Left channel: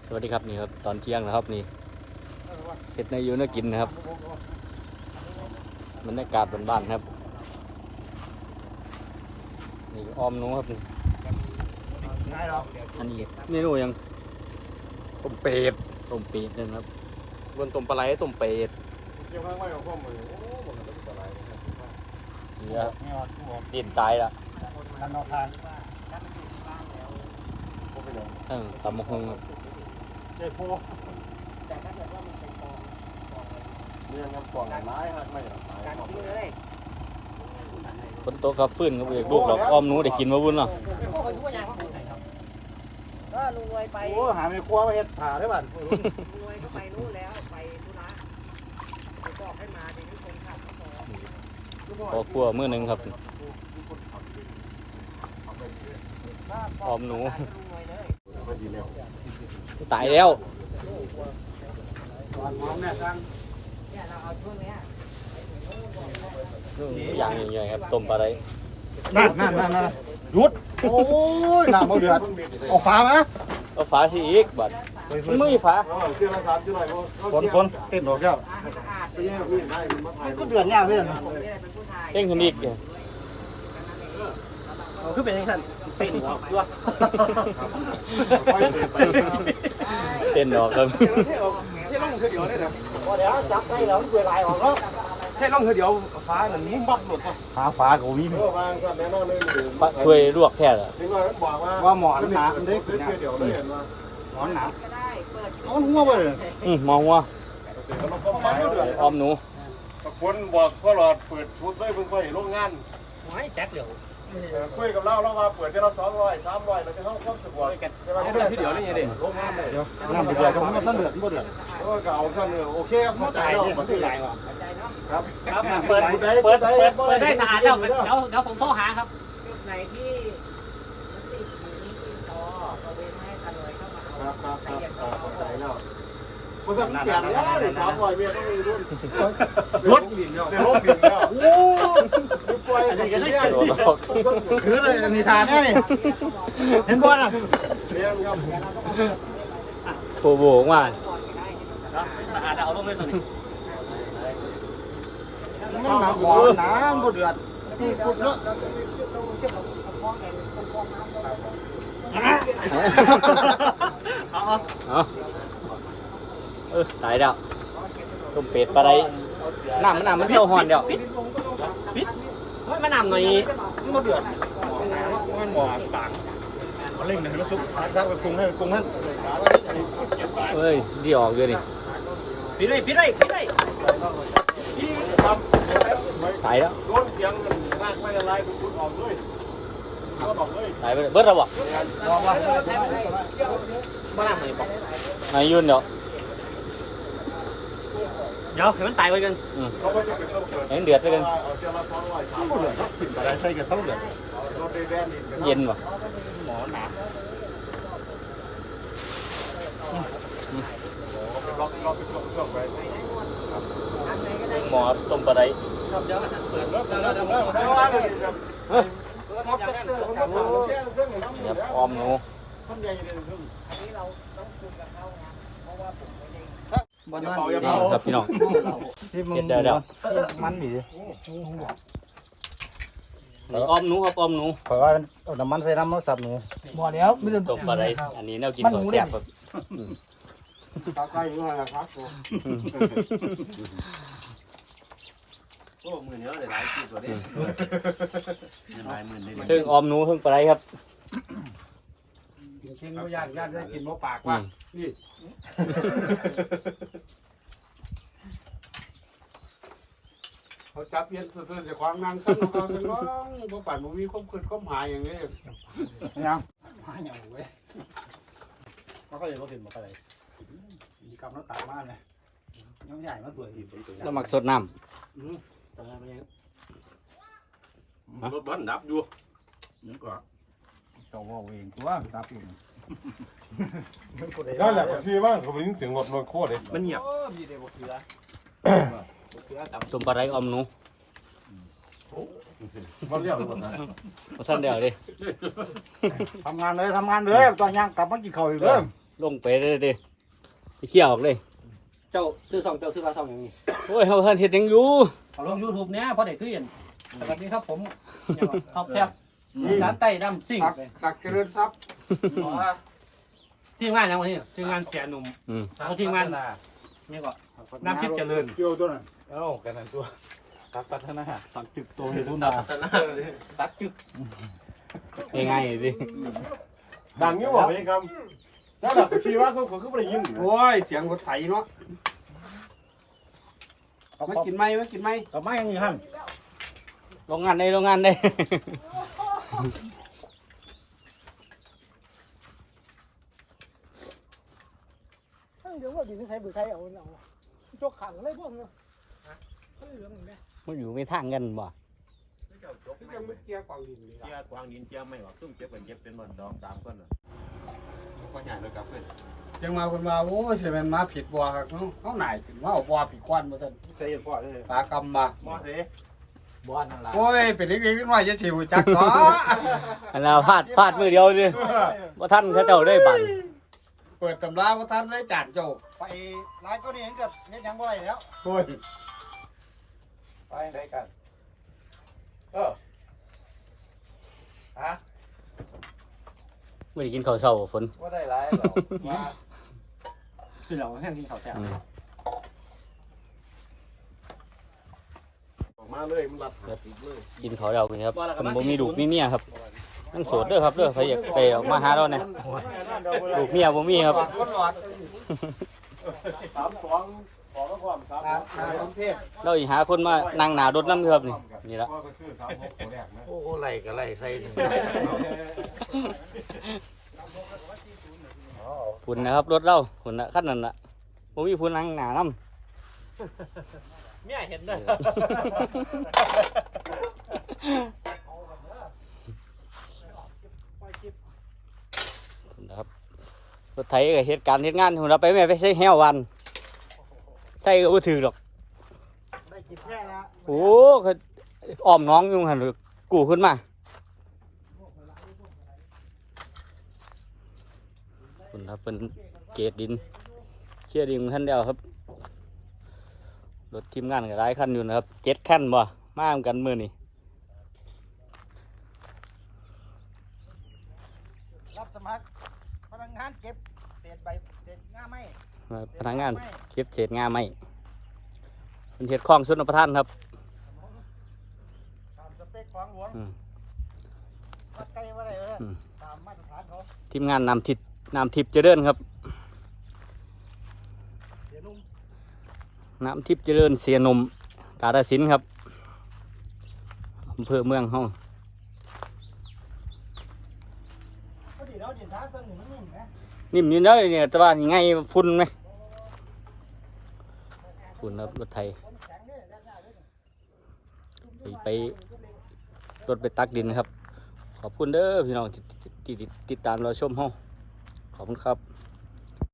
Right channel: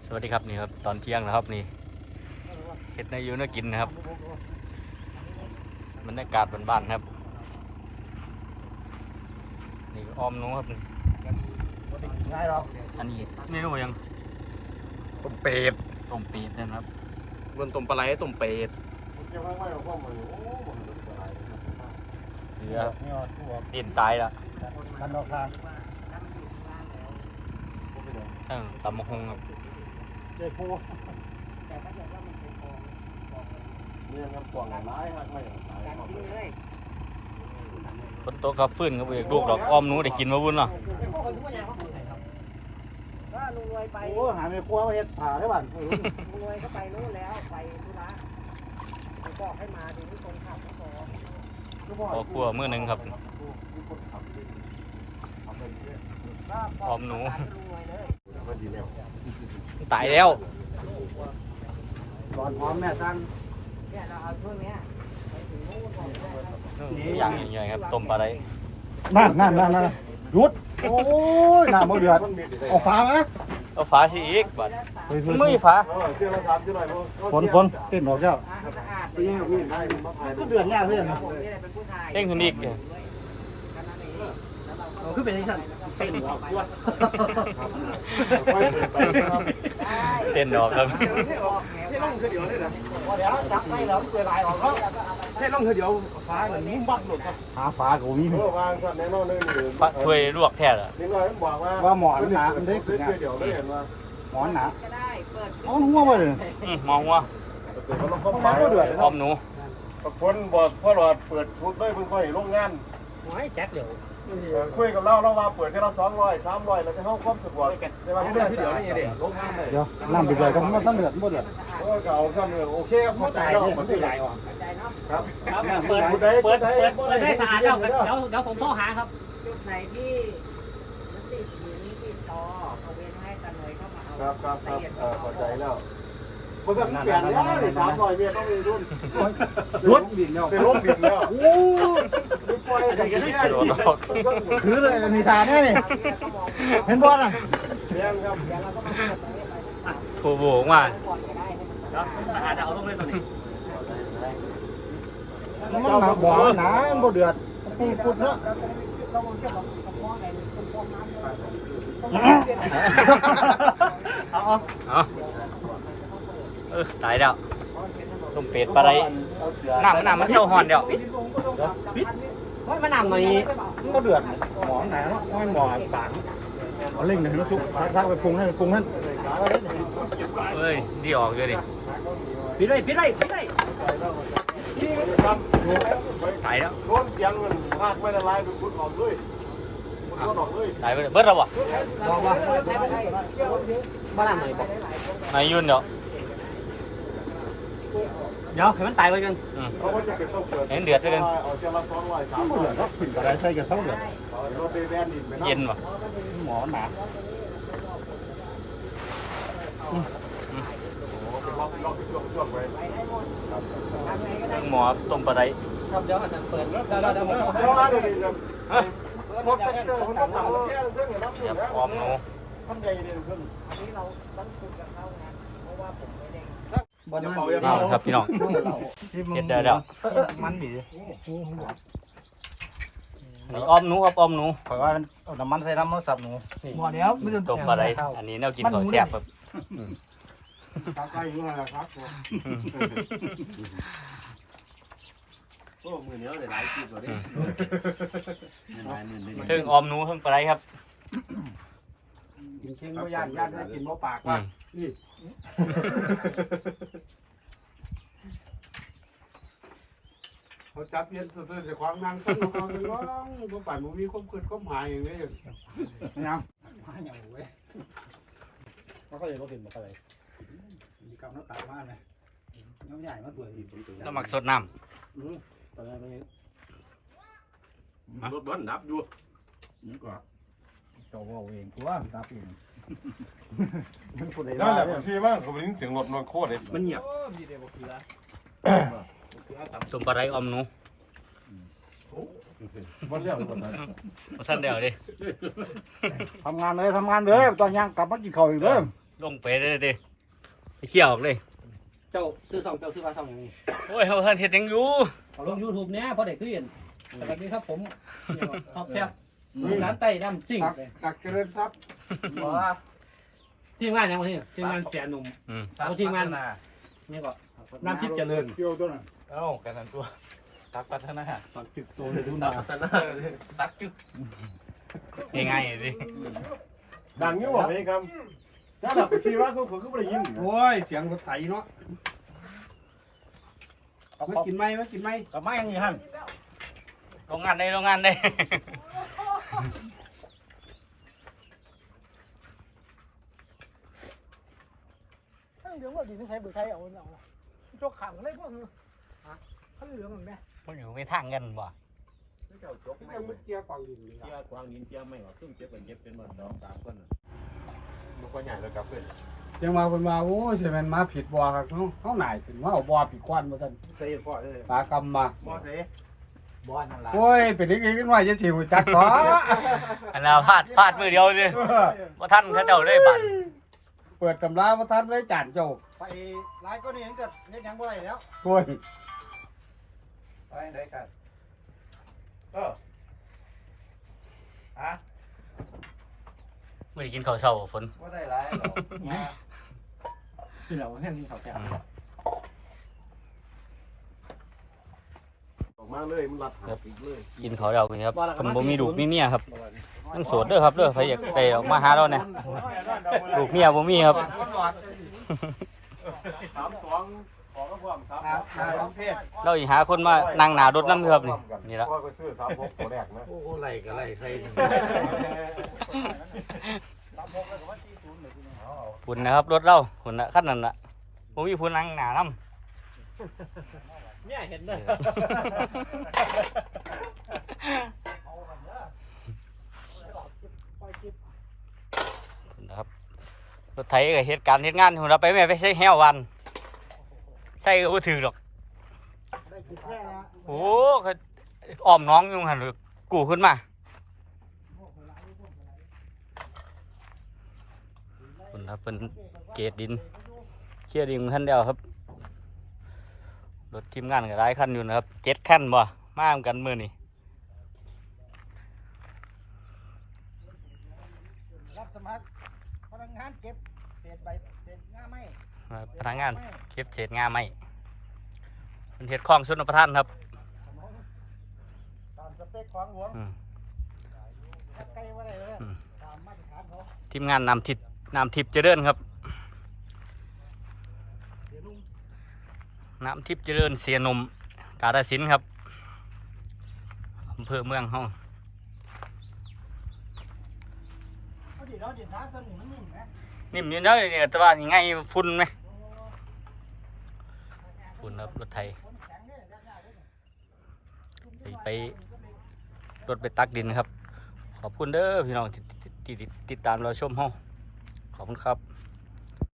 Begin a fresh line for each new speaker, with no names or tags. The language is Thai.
สวัสดีครับนี่ครับตอนเที่ยงนะครับนี่เห็ดในยูน่ากินนะครับบรรยากาศบ้านๆครับนี่อ้อมนู้ครับนี่ง่ายหรออันนี้เมนูยังต้มเป็ดนะครับบนต้มปลาไหลต้มเป็ดนี่ครับดินตายละตำมะฮงครับ
ใจโพแต่ถ้าเกิดว่ามันเป็นฟองเนี่ยครับฟองไม้ครับไม่การทิ้งเลย
คนโตกับฟื้นครับเอกลูกแบบอ้อมหนูได้กินมาบุญเนาะ
ก็ลุงรวยไป
โอ้หาไม่ครัวมาเฮ็ดผ่าได้บ้าน
ลุงรวยก็ไปนู่นแล้วไปธุระไปบอกให้มาดีที่คนขับก็พอ
พอครัวมื้อนึงครับอ้อมหนูตายแล้ว
ก่อนพร้อมเนี่ยตั้ง
เนี่ยเราเอาช่วงนี้ไปถึงนู่นก่อน
อย่างใหญ่ครับต้มปลาไหล
นั่นหยุดโอ้ยน้ำมันเดือดเอาฟ้าไหม
เอาฝาสิอีกบัดมันไม่มีฝา
คนติดหรอกเจ้าก็เดือดยากเพื่อน
เต้งคนอีก
คือเป็นยังไงเป็นหรอกด้วย
เต้นดอกครับ
ให้ล่องคือเดียวเลยนะเดี๋ยวจับได้แล้วเกลือลายออกแล้วให้ล่องคือเดียวฟ้าหนึ่งมุ้งบักหลุดหาฟ้ากูวิ่ง
ปลาถ้วยลวกแค่ละ
ว่าหมอนหนามันได้หมอนหนาเอาหัวไปเลย
มองว่าอ้อมหนู
คนบอกพ่อหลอดเปิดทุบเลยเพิ่งค่อยโรงงาน
ไม่แจ็คเดี๋ยว
คุยกับเรามาเปิดแค่ละ200 300เราจะเข้าครบสุดวันแต่ว่าที่เดียวนี่เด็โรงงานเลย
น้ำไปเดือดต้องมันเดือดบ่เดือด
ก็เอาสั้นเลยโอเคครับเข้าใจแล้วมันคือไรวะครับ
เปิดได้สะอาดแล้วเดี๋ยวผมโทรหาครับ
จุดไหนที่มันติดหนีติดคอเอาเว้นให้ตาหน่วยเข้ามาเอา
ครับเข้าใจแล้วบริษัทเปลี่ยนแล้วเลย300เมียต้องมีรุ่น
รถบินแล้ว
ในรถบินแล้วโอ้ยปล่อยอะไรกันเนี่ย
คือเลยนิทานแน่นี่เห็นบอลอ่ะ
เรียนครับ
โถโบกว่า
สะอาดเอาลงเลยตอนนี้น้ำบ่อน้ำบ่เดือดพูดเนาะ
เอาตายแล้วต้มเป็ดปลาไหลน้ำมันเศร้าหอนเดียว
ปิดมันน้ำหน่อยก็เดือดหมอหนังมันหมอปากเอาเล่งหนึ่งแล้วซุปซักไปปรุงให้
เอ้ยดีออกเยอะดิ
ปิดเลย
ตายแล้ว
โดนเสียงมันพากไม่ละลายดูดออกเลย
ตายไปเบิดแล้ววะ
บอกว่าบ้านไหนบอก
นายยุ่นเดี๋ยว
ให้มันตายไปกัน
เห็นเดือดไปกัน
กินอะไรใส่กันเท่าเดือด
เย็นวะ
หมอหนา
หมอต้มปลาไหลอ้อมหนูครับพี่น้องเห็ดเดี๋ยว
มันดี
นี่อ้อมหนูครับอ้อมหนู
เพราะว่าน้ำมันใส่น้ำมันสับหนูหมดแล้วไม่ได้
ต้มปลาไหลอันนี้แนวกินของแซ่บครับ
ใกล้ยุ่งอะไรครับ
โอ้มือเนื้อเลยหลายกิโลดิ
ถึงอ้อมหนูถึงปลาไหลครับ
กินเช่นก็ย่านได้กินมะปากว่ะ
เขาจับเย็นสุดๆจะความนั่งขึ้นเขาเป็นว่าบ่ปั่นบ่มีความคืดความหายอย่างนี้
ยังหายอย่างเว้ยมันก็เลยบ่ถึงบ่อะไรมีกำน้ำตาลมากเลยน้ำใหญ่มาตัวหิน
แล้วหมักสดน้ำ
รถบ้านดับอยู่นี่ก็
เจ้าว่าเองตัวดับเอง
นั่นแหละพี่ว่าเขาลิ้นเสียงรถมันโคตรเลย
มันเงียบ
มีเด็กบอกเสือ
ต้มปลาไหลอ้อมหนู
มันเรียกรถ
มาสั้นเดียวดิ
ทำงานเลยตอนย่างกลับมากินข้าวอีกเลย
ลงไปเลยดิไปเขี่ยออกเลย
เจ้าซื้อเจ้าซื้อมาซ่องอย่างนี้
โอ้ยเขาเพิ่นเฮ็ดหยังอยู่
เขาลง YouTube เนี้ยพอได้ขึ้นสวัสดีครับผมท็อปแซ่บร้านไต้น้ำซิ่ง
สักเจริญทรัพย์
ทีมงานยังไงทีมงานเสียหนุ่ม
อืม
เอาทีมงานนี่ก็น้ำทิพย์เจริญ
เกี่ยวตัวนั้น
เอ้ากันนั่นตัวตักพัฒนา
ตักจึกโตเลยทุนดาว
ตักจึก
ง่ายๆดิ
ดังอยู่บ่พี่ครับถ้าแบบขี่ว่าเขาคือบ่ได้ยิน
โอ้ยเสียงรถไถเนาะมากินไหมมากินไหม
กับไม้ยังอยู่ครับ
โรงงานได้โรงงานได้
เดี๋ยวว่าดีไม่ใช่บุไทยเอาจกขังเลยพวกมันเขาเหลืองเหมือนแม่
มันอยู่ไม่ทางกันบ่
ยังไม่เกี่ยวกวางดินเลย
เจียกวางดินเจียไม่ว่าซุ่มเจ็บกันเจ็บเป็นบ่2-3คนน่ะ
มันก็ใหญ่เลยกับเพื่อนยังมาคนมาโอ้ยใช่ไหมมาผิดบัวครับเขาหน่ายขึ้นว่าเอาบัวผิดควันมาสั่น
ใส่พ่อเลย
ปลากำมา
บ่เส
บอลนั่นแหละ
โอ้ยเป็นเล็กๆน้อยจะสิวจักขอ
อันน่ะพลาดมือเดียวดิบ่ทันเขาเจ้าได้บัน
เปิดตำราว่าท่านได้จานโจก
ไปร้านก็นี่เห็นกับเห็นยังบ่อยแล้ว
โอ้ย
ไปไหนกันฮะ
ไม่ได้กินข้าวเช้าฝน
บ่ได้หลายหรอก
คือเราแค่นี้เขาแซ่บ
อืม
ออกมาเลยมันรัดหาติดเลย
กินข้าวเรากันครับผมบ่มีลูกมีเมียครับยังโสดเด้อครับเด้อใครอยากได้ออกมาหาเราเนี่ยลูกเมียบ่มีครับ
32ขอก็พร้อม3
ประเทศ
เราอีกหาคนมานั่งหน้ารถนำอยู่ครับนี่ละ
พ่อก็ซื้อ36ตัวแรกนะ
โอ้โหไหลก็ไหลใส่
ฝุ่นนะครับรถเราฝุ่นน่ะคันนั้นน่ะบ่มีฝุ่นนั่งหน้านำ
เนี่ยเห็นเลย
นะครับรถไถก็เหตุการณ์เหตุงานเราไปแม่ไปใช้แฮววันใช่ก็บ่ถือหรอก
ได้กินแค่นะ
โอ้เขาอ้อมน้องอยู่หั่นกู้ขึ้นมาคุณครับเป็นเกรดดินเชี่ยดินขั้นเดียวครับรถทีมงานก็หลายคันอยู่นะครับ7คันบ่มาเหมือนกันมื้อนี้
รับสมัครพนักงานเก็บเศษใบเศษง่าไม้
พนักงานเก็บเศษงาไม้เป็นเฮ็ดคลองชนประทานครับ
ตามสเปคของหลวง
อืม
วัดไกลว่าอะไร
อืม
ตามมาตรฐานเขา
ทีมงานนำทิพย์เจริญครับน้ำทิพย์เจริญเสียหนมกาฬสินธุ์ครับอำเภอเมืองห้อง
เขาดีแล้วดินท้าต้นหนึ่งนุ่มนะ
นิ่มอยู่เด้อเนี่ยแต่ว่ายังไงฝุ่นไหมฝุ่นครับรถไทยไปรถไปตักดินครับ ขอบคุณเด้อพี่น้องที่ติดตามเราชมห้องขอบคุณครับ